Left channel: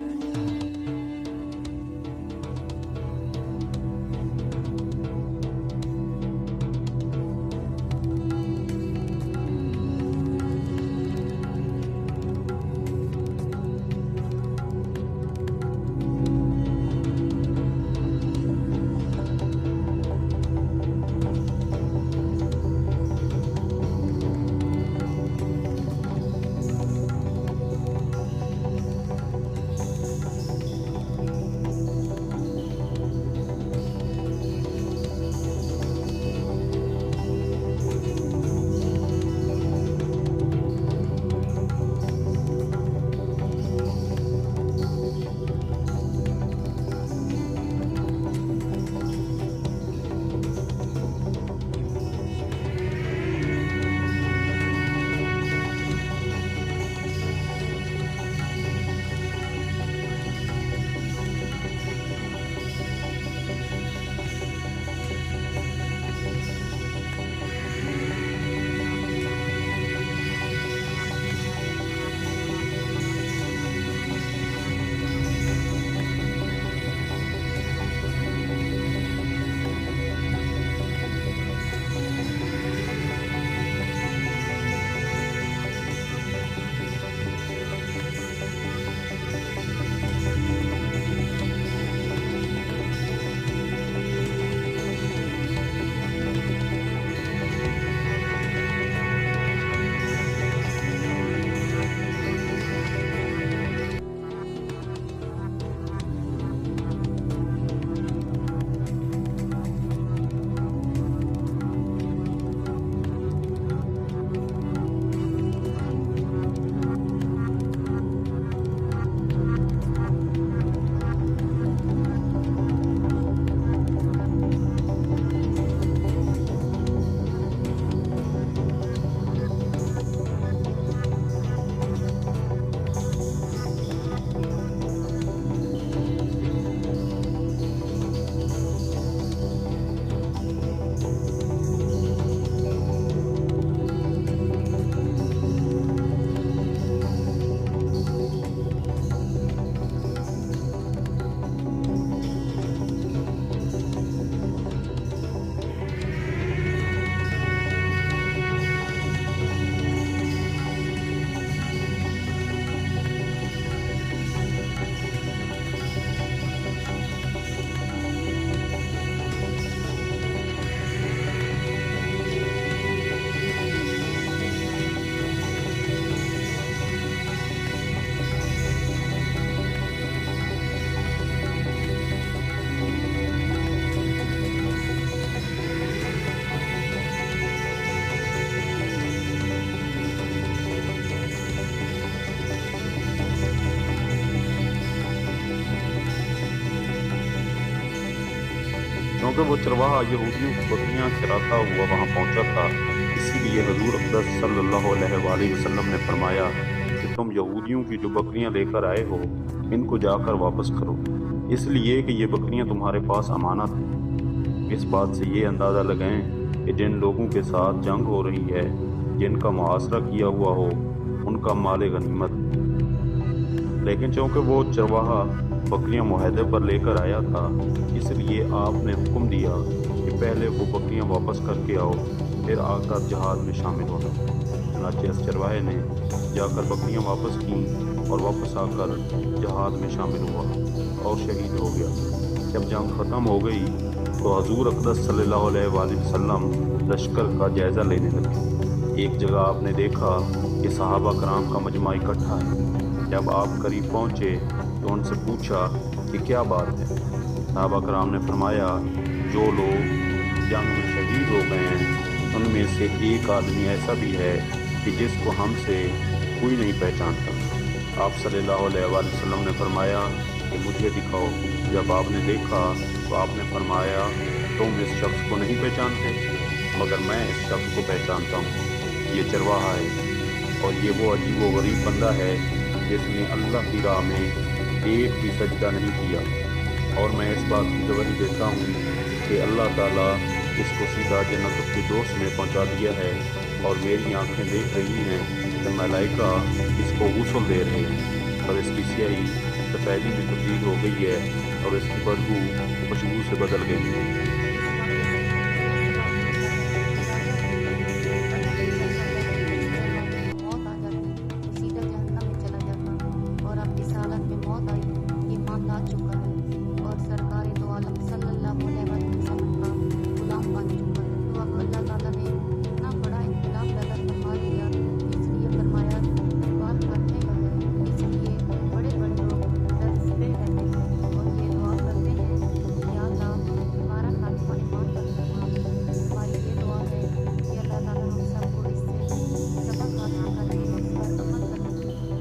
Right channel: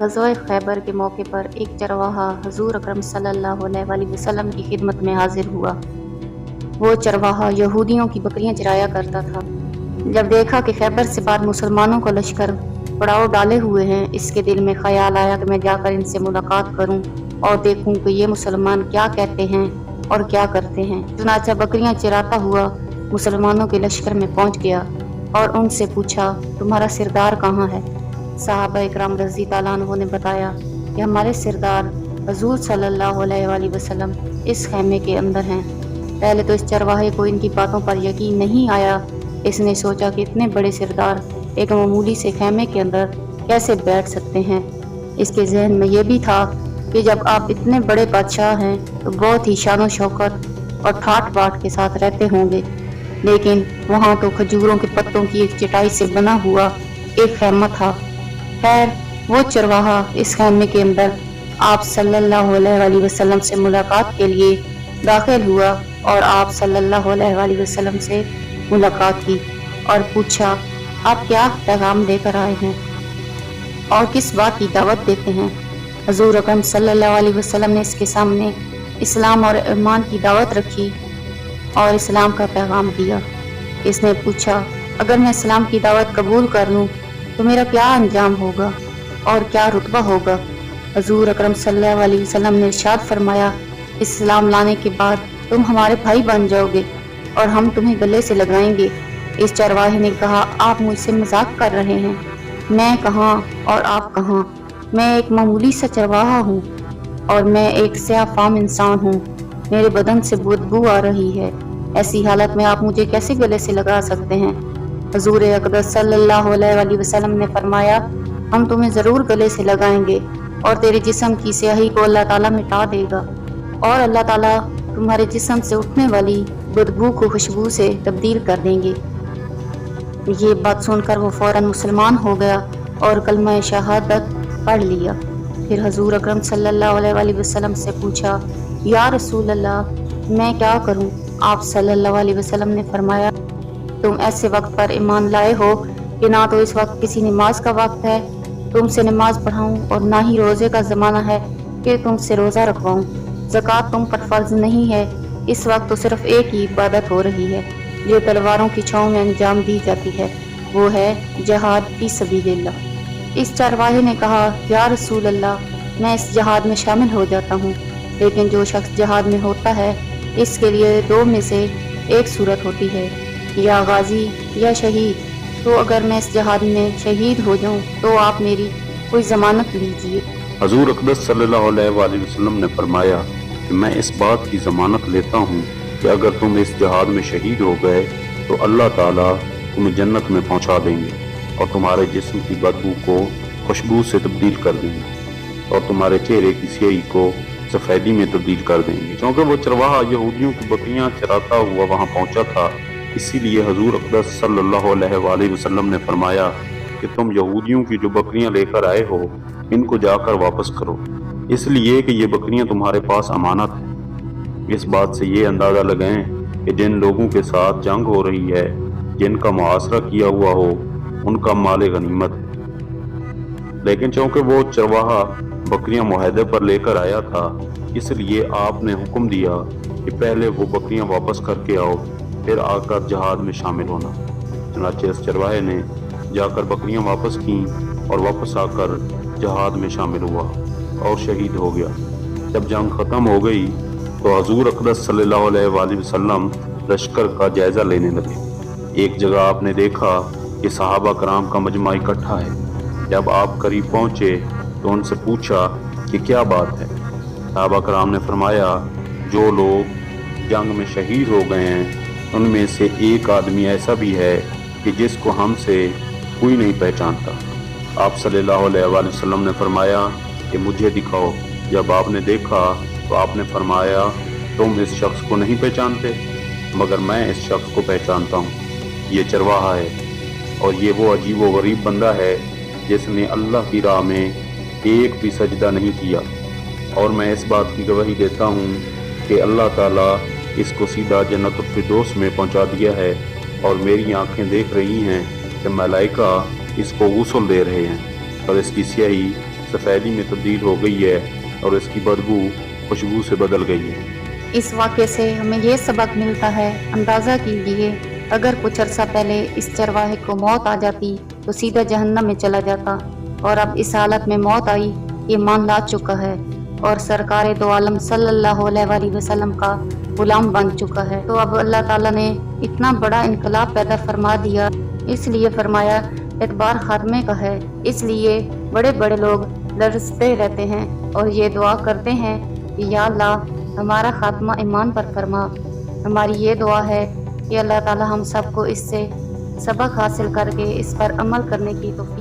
ग़ज़वा खैबर के मौके पर एक चरवाहा हुज़ूर अकरम सल्लल्लाहु अलैहि वसल्लम की खिदमत में हाजिर हुआ। वो चरवाहा यहूदियों की बकरियां चराया करता था। जब देखा कि खैबर से पार मुसलमानों का लश्कर पड़ाव डाले हुए हैं, इसके दिल में ख्याल आया कि मैं जाकर इनसे मुलाकात करूं और देखूं कि ये मुसलमान क्या कहते हैं और क्या करते हैं। चुनाचा बकरियां चराता हुआ मुसलमानों के लश्कर में पहुंच गया और उनसे पूछा, तुम्हारा सिरदार कहाँ है? सहाबा इकराम रज़ी ताला अन्हु ने बताया कि हमारे सिरदार हुज़ूर सल्लल्लाहु अलैहि वसल्लम इस खैमे के अंदर हैं। पहले तो इस चरवाहे को इनकी बातों पर यकीन नहीं आया। इसने सोचा कि इतने बड़े सिरदार एक मामूली से खैमे के अंदर कैसे बैठ सकते हैं। इसके जहन में यह भी था कि जब आप इतने बड़े बादशाह हैं तो बहुत ही शान शौकत और ठाट बाट के साथ रहते होंगे, लेकिन वहाँ तो खजूरों के पत्तों की एक चटाई से बना हुआ एक खैमा था। खैर, वो चरवाहा इस खैमे के अंदर आप सल्लल्लाहु अलैहि वसल्लम से मुलाकात के लिए दाखिल हुआ और आप सल्लल्लाहु अलैहि वसल्लम से मुलाकात की और पूछा, आप क्या पैगाम लेकर आए हैं और किस बात की दावत देते हैं। हुज़ूर अकरम सल्लल्लाहु अलैहि वसल्लम ने इसके सामने इस्लाम और ईमान की दावत रखी और इस्लाम का पैगाम दिया। इसने पूछा, अगर मैं इस्लाम की दावत कबूल कर लूँ तो मेरा क्या अंजाम होगा और क्या रुतबा होगा। हुज़ूर अकरम सल्लल्लाहु अलैहि वसल्लम ने इरशाद फरमाया, इस्लाम लाने के बाद तुम हमारे भाई बन जाओगे और हम तुम्हें गले से लगाएंगे। इस चरवाहे ने कहा, आप मुझसे मजाक कर रहे हैं। मैं कहाँ और आप कहाँ? मैं एक मामूली सा चरवाहा हूँ और मैं एक स्याह-फाम इंसान हूँ। मेरे बदन से बदबू आ रही है। ऐसी हालत में आप मुझे कैसे गले से लगा सकते हैं? हुज़ूर अक़दस सल्लल्लाहु अलैहि वसल्लम ने फरमाया, हम तुम्हें ज़रूर गले से लगाएंगे और तेरे जिस्म की स्याही को अल्लाह ताला मिटा देगा और अल्लाह ताला तुम्हारे जिस्म से उठने वाली बदबू को खुशबू से तब्दील कर देंगे। ये बात सुनकर वो फ़ौरन मुसलमान हो गया और कलमा शहादत पढ़ लिया। फिर हुज़ूर अकरम सल्लल्लाहु अलैहि वसल्लम से पूछा, या रसूल अल्लाह, मैं क्या करूं? आप सल्लल्लाहु अलैहि वसल्लम ने फरमाया, तुम ऐसे वक्त पर ईमान लाए हो कि ना तो इस वक्त किसी नमाज का वक्त है तुमसे नमाज पढ़ाऊं और ना ही रोज़े का ज़माना है कि तुमसे रोज़ा रखवाऊं। ज़कात तुम पर फ़र्ज नहीं है। इस वक्त तो सिर्फ एक ही इबादत हो रही है जो तलवारों की छाँव में अंजाम दी जाती है, वो है जहाद फी सबीलिल्लाह। इस चरवाहे ने कहा, या रसूल अल्लाह, मैं इस जहाद में शामिल हो जाता हूँ, लेकिन जो शख्स जहाद में होता है इसके लिए दो में से एक सूरत होती है, या गाजी या शहीद। तो अगर मैं इस जहाद में शहीद हो जाऊं तो आप मेरी कोई ज़मानत लीजिए। हुज़ूर अक़दस सल्लल्लाहु अलैहि वसल्लम ने फरमाया कि मैं इस बात की ज़मानत लेता हूँ कि अगर तुम इस जहाद में शहीद हो गए तो अल्लाह ताला तुम्हें जन्नत में पहुँचा देंगे और तुम्हारे जिस्म की बदबू को खुशबू से तब्दील कर देंगे और तुम्हारे चेहरे की स्याही को सफ़ेदी में तब्दील कर देंगे। क्योंकि वो चरवाहा यहूदियों की बकरियाँ चराता हुआ वहाँ पहुँचा था, इसीलिए हुज़ूर अक़दस सल्लल्लाहु अलैहि वसल्लम ने फरमाया कि तुम यहूदियों की जो बकरियां लेकर आए हो इनको जाकर वापस करो, इसलिए कि ये बकरियां तुम्हारे पास अमानत हैं। इस बात से ये अंदाज़ा लगाएं कि जिन लोगों के साथ जंग हो रही है, जिनका मुआसरा किया हुआ हो, उनका माल गनीमत है। लेकिन चूँकि वो चरवाहा बकरियां मुआहदे पर लेकर आया था, इसलिए आपने हुक्म दिया कि पहले वो बकरियां वापस करके आओ, फिर आकर जहाद में शामिल होना। चुनांचे इस चरवाहे ने जाकर बकरियां वापस की और वापस आकर जहाद में शामिल हुआ और शहीद हो गया। जब जंग ख़त्म हो गई तो हुज़ूर अक़दस सल्लल्लाहु अलैहि वसल्लम लश्कर का जायज़ा लेने लगे। एक जगह आपने देखा कि सहाबा कराम का मजमा इकट्ठा है। जब आप करीब पहुँचे तो उनसे पूछा कि क्या बात है। सहाबा कराम ने फरमाया, जो लोग जंग में शहीद हो गए हैं उनमें से एक आदमी ऐसा भी है कि जिसको हमसे कोई नहीं पहचानता। आप सल्लल्लाहु अलैहि वसल्लम ने फरमाया कि मुझे दिखाओ। जब आपने देखा तो आपने फरमाया, तुम इस शख्स को नहीं पहचानते, मगर मैं इस शख्स को पहचानता हूँ। ये चरवाहा है और ये वो अजीब व गरीब बंदा है जिसने अल्लाह की राह में एक भी सजदा नहीं किया, और मैं इस बात की गवाही देता हूँ कि अल्लाह ताला इसको सीधा जन्नतुल फिरदौस में पहुँचा दिया है और मेरी आंखें देख रही हैं कि मलाइका इसको गुस्ल दे रहे हैं और इसकी स्याही सफ़ेदी में तब्दील हो गई है और इसकी बदबू खुशबू से बदल गई है। इस वाक़े से हमें ये सबक मिलता है, अंदाज़ा कीजिए अगर कुछ अरसा पहले इस चरवाहे को मौत आ जाती तो सीधा जहन्नम में चला जाता, और अब इस हालत में मौत आई, ईमान ला चुका है और सरकार दो आलम सल्लल्लाहु अलैहि वसल्लम का गुलाम बन चुका है। तो अब अल्लाह ताला ने इतना बड़ा इनकलाब पैदा फरमा दिया, इसलिए फरमाया एतबार खात्मे का है। इसलिए बड़े बड़े लोग लरजते रहते हैं और ये दुआ करते हैं कि या अल्लाह हमारा खात्मा ईमान पर फरमा। हमारी ये दुआ है कि अल्लाह ताला हम सबको इससे सबक हासिल करके इस पर अमल करने की तौफीक